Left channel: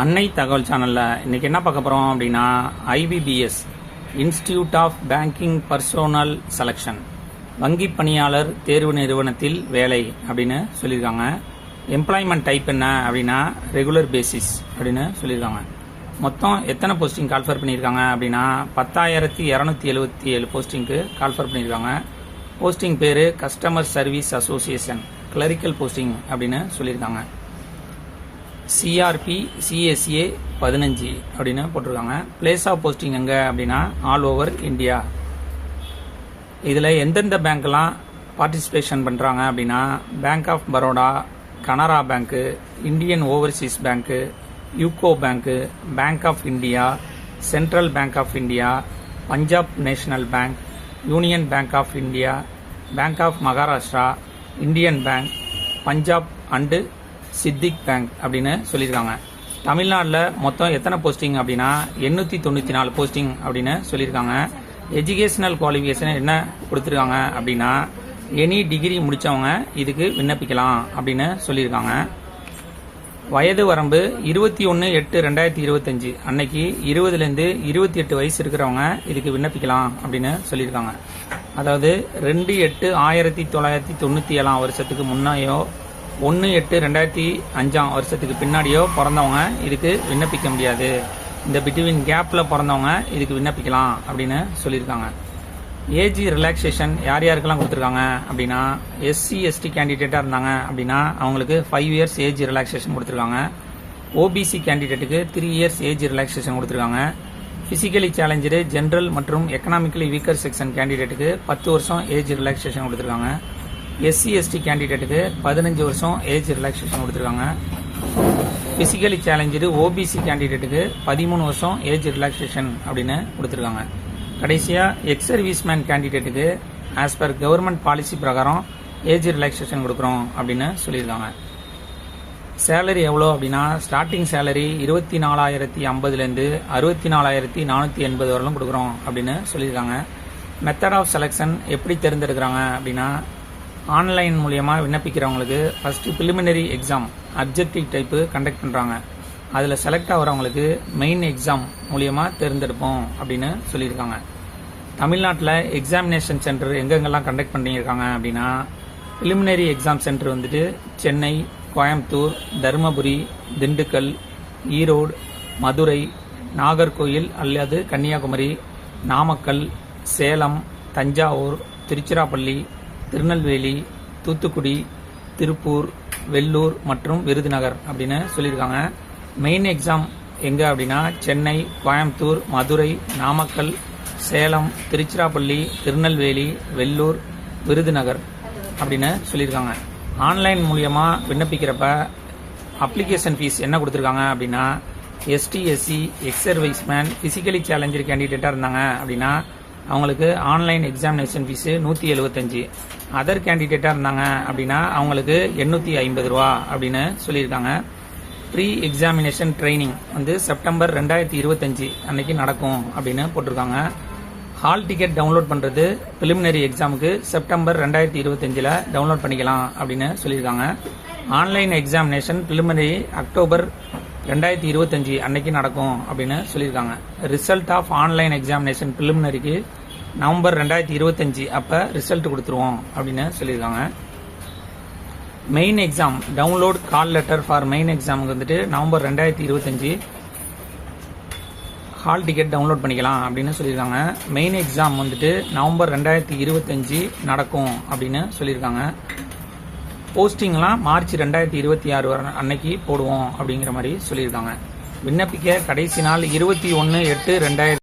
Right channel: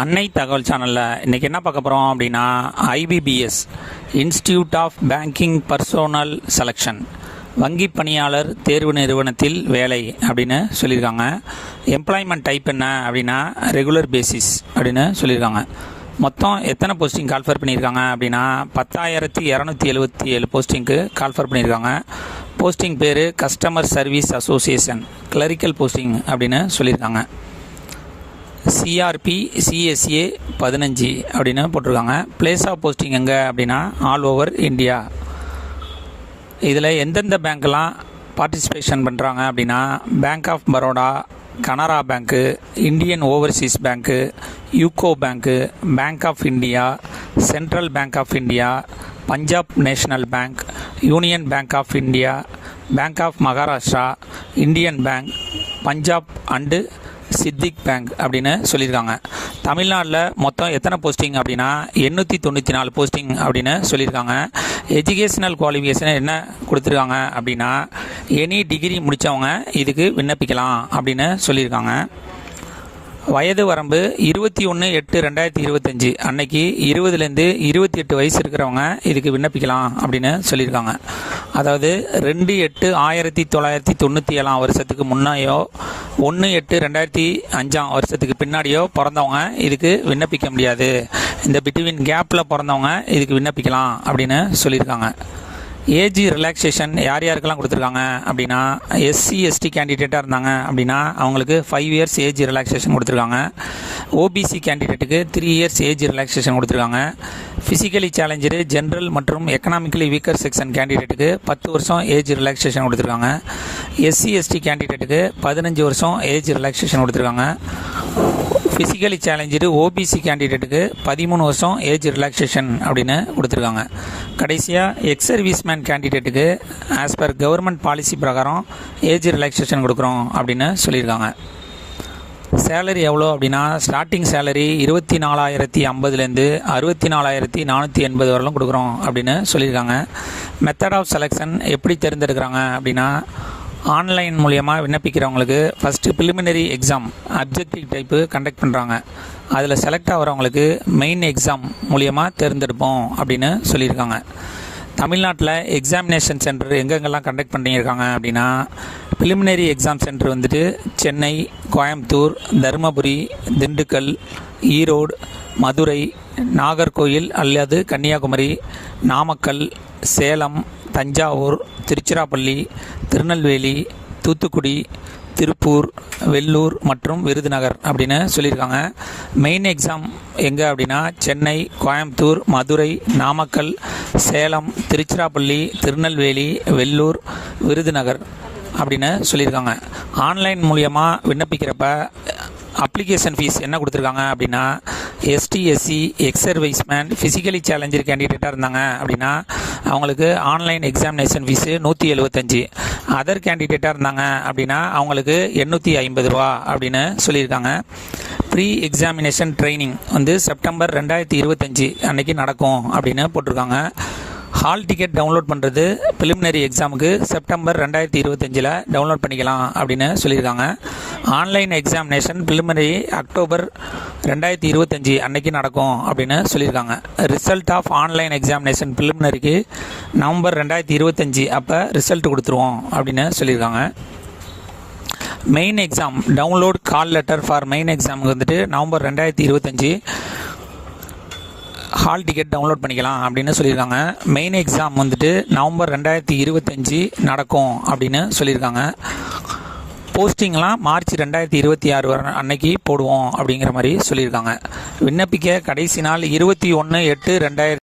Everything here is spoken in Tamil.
அன்னை தகவல் சேனலில் இன்றைக்கி என்ன பார்க்க போகிறோம் அப்படின்னா IBPS institute of banking personnel selection வங்கி பணியாளர் தேர்வு நிறுவனத்தில் வேலை அப்படின்னு சொல்லியிருக்காங்க. எம்ப்ளாய்மெண்ட் டைப் என்ன அப்படின்னா ரெகுலர் பேசிஸ் அப்படின்னு சொல்லியிருக்காங்க. மொத்தம் எத்தனை போஸ்டிங் கால்ஃபர் பண்ணியிருக்காங்க அப்படின்னா 10,277 போஸ்டிங்க்கு கால்ஃபர் பண்ணியிருக்காங்க. போஸ்டிங் பேர் customer service association clerical posting அப்படின்னு சொல்லியிருக்காங்க. சிஆர்பி சிஎஸ்ஏ 15 அப்படின்னு போட்டிருக்காங்க. பிளேஸ் ஆஃப் போஸ்டிங் எங்கே அப்படின்னா ஆல் ஓவர் இந்தியா. இதில் எந்தெந்த பேங்க்லாம் பார்ட்டிசிபேஷன் பண்ணுறாங்க அப்படின்னா bank of Baroda, Canara bank, Indian overseas bank, UCO bank, bank of India, central bank of India, Punjab national bank, union bank of India, bank of Maharashtra, Indian bank, Punjab and சித்திக் பேங்க் அப்படின்னு சொல்லியிருக்காங்க. தமிழ்நாட்டில் மொத்தம் எத்தனை போஸ்டிங் அப்படின்னா 894 போஸ்டிங் அப்படின்னு சொல்லியிருக்காங்க. எஜுகேஷனல் குவாலிஃபிகேஷன் என்ன கொடுத்துருக்காங்க அப்படின்னா எனி டிகிரி முடித்தவங்க இதுக்கு விண்ணப்பிக்கலாம் அப்படின்னு சொல்லியிருக்காங்க. வயது வரம்பு 21/8/2025 அன்னைக்கு 20லேருந்து 28 வயசு இருக்கிறவங்க இதுக்கு விண்ணப்பிக்கலாம் அப்படின்னு சொல்லியிருக்காங்க. அதாவது 2/8/1997 வருஷத்துக்கு முன்னாடியோ 1/8/2005 வருஷத்துக்கு பின்னாடியோ பிறந்தவங்க இதுக்கு விண்ணப்பிக்க முடியாது. இந்த பிட்வீன் கேப்பில் பிறந்தவங்க இதுக்கு விண்ணப்பிக்கலாம் அப்படின்னு சொல்லியிருக்காங்க. ஏஜ் ரிலாக்ஸேஷன் யார் யாருக்கெல்லாம் கொடுத்துருக்காங்க அப்படின்னா எஸ்சி எஸ்டி கேண்டிடேட்டாக இருந்தாங்க அப்படின்னா அவங்களுக்கு 5 இயர்ஸ் ஏஜ் ரிலாக்ஸேஷன் கொடுத்துருக்காங்க. ஓபிசி கேண்டிடேட்டுக்கு 3 இயர்ஸ் ஏஜ் ரிலாக்ஸேஷன் கொடுத்துருக்காங்க. ஃபிசிக்கலி சேலஞ்சரு ஜென்ரல் மற்றும் எக்கனாமிக்கலி வீக்கர் செக்ஷன் கேண்டிடேட்டுக்கு 10 வருஷம் ஏஜ் ரிலாக்ஸேஷன் கொடுத்துருக்காங்க. எஸ்சி எஸ்டி கேண்டிடேட்டுக்கு 15 வருஷம் ஏஜ் ரிலாக்ஸேஷன் கொடுத்துருக்காங்க. ஃபிசிக்கலி சேலஞ்சரு ஓபிசி கேண்டிடேட்டுக்கு 13 வருஷம் ஏஜ் ரிலாக்ஸேஷன் அப்படின்னு கொடுத்துருக்காங்க. கடைசியாக எக்ஸ் சர்வீஸ்மேன் கேண்டிடேட்டுக்கு ஆஸ் பர் கவர்மெண்ட் பாலிசி பிரகாரம் ஏஜ் ரிலாக்ஸேஷன் கொடுக்குறோம் அப்படின்னு சொல்லியிருக்காங்க. சேலரி எவ்வளோ அப்படின்னா ஸ்டார்டிங் சேலரி 24,050லேருந்து 64,480 வரலும் கொடுக்குறோம் அப்படின்னு சொல்லியிருக்காங்க. மெத்தட் ஆஃப் செலெக்ஷன் எப்படி தேர்ந்தெடுக்கிறாங்க அப்படின்னா ஆன்லைன் மூலியமாக விண்ணப்பிக்கிறவங்களுக்கு first preliminary exam objective type conduct பண்ணுறாங்க. அதில் செலக்ட் ஆகிறவங்களுக்கு மெயின் எக்ஸாம் மூலியமாக தேர்ந்தெடுப்போம் அப்படின்னு சொல்லியிருக்காங்க. தமிழ்நாட்டில் எக்ஸாமினேஷன் சென்டர் எங்கெங்கெல்லாம் கண்டக்ட் பண்ணியிருக்காங்க அப்படின்னா ப்ரிலிமினரி எக்ஸாம் சென்டர் வந்துட்டு சென்னை, கோயம்புத்தூர், தருமபுரி, திண்டுக்கல், ஈரோடு, மதுரை, நாகர்கோயில் அல்லது கன்னியாகுமரி, நாமக்கல், சேலம், தஞ்சாவூர், திருச்சிராப்பள்ளி, திருநெல்வேலி, தூத்துக்குடி, திருப்பூர், வெள்ளூர் மற்றும் விருதுநகர் அப்படின்னு சொல்லியிருக்காங்க. மெயின் எக்ஸாம் எங்கே அப்படின்னா சென்னை, கோயம்புத்தூர், மதுரை, நாமக்கல், சேலம், திருச்சிராப்பள்ளி, திருநெல்வேலி, வெள்ளூர், விருதுநகர் அப்படின்னு சொல்லியிருக்காங்க. ஆன்லைன் மூலியமாக விண்ணப்பிக்கிறப்ப அப்ளிகேஷன் ஃபீஸ் என்ன கொடுத்துருக்காங்க அப்படின்னா ST SC ex serviceman physically challenged கேண்டிடேட்டாக இருந்தாங்க அப்படின்னா அவங்களுக்கு ஆன்லைன் எக்ஸாமினேஷன் ஃபீஸு 175. அதர் கேண்டிடேட்டாக இருந்தாங்க அப்படின்னா அவங்களுக்கு 850 ரூபா அப்படின்னு சொல்லியிருக்காங்க. ப்ரீ எக்ஸாமினேஷன் ட்ரைனிங் செப்டம்பர் 2025 அன்னைக்கு நடக்கும் அப்படின்னு போட்டிருக்காங்க. ஹால் டிக்கெட் டவுன்லோட் பண்ணுறது ப்ரிலிமினரி எக்ஸாமுக்கு செப்டம்பர் 2025 டவுன்லோட் பண்ணிக்கலாம் அப்படின்னு சொல்லியிருக்காங்க. ஆன்லைன் எக்ஸாமினேஷன் ப்ரிலிமினரி அக்டோபர் 2025 அன்னைக்கு நடக்கும் அப்படின்னு சொல்லியிருக்காங்க. ரிசல்ட் ஆஃப் ஆன்லைன் எக்ஸாமினேஷன் ப்ரிலிமினரிக்கு நவம்பர் 2025 அப்போ ரிசல்ட் கொடுத்துருவோம் அப்படின்னு சொல்லியிருக்காங்க. Main exam download call letter for main எக்ஸாமுக்கு நவம்பர் 2025 ஹால் டிக்கெட் டவுன்லோட் பண்ணிக்கலாம் அப்படின்னு சொல்லியிருக்காங்க. மெயின் எக்ஸாம் நவம்பர் 2025 நடக்கும் அப்படின்னு சொல்லியிருக்காங்க. போஸ்டிங்லாம் மார்ச் 2026 அன்னைக்கு போடுவோம் அப்படிங்கிற மாதிரி சொல்லியிருக்காங்க. விண்ணப்பிக்க கடைசி நாள் 21/8/2000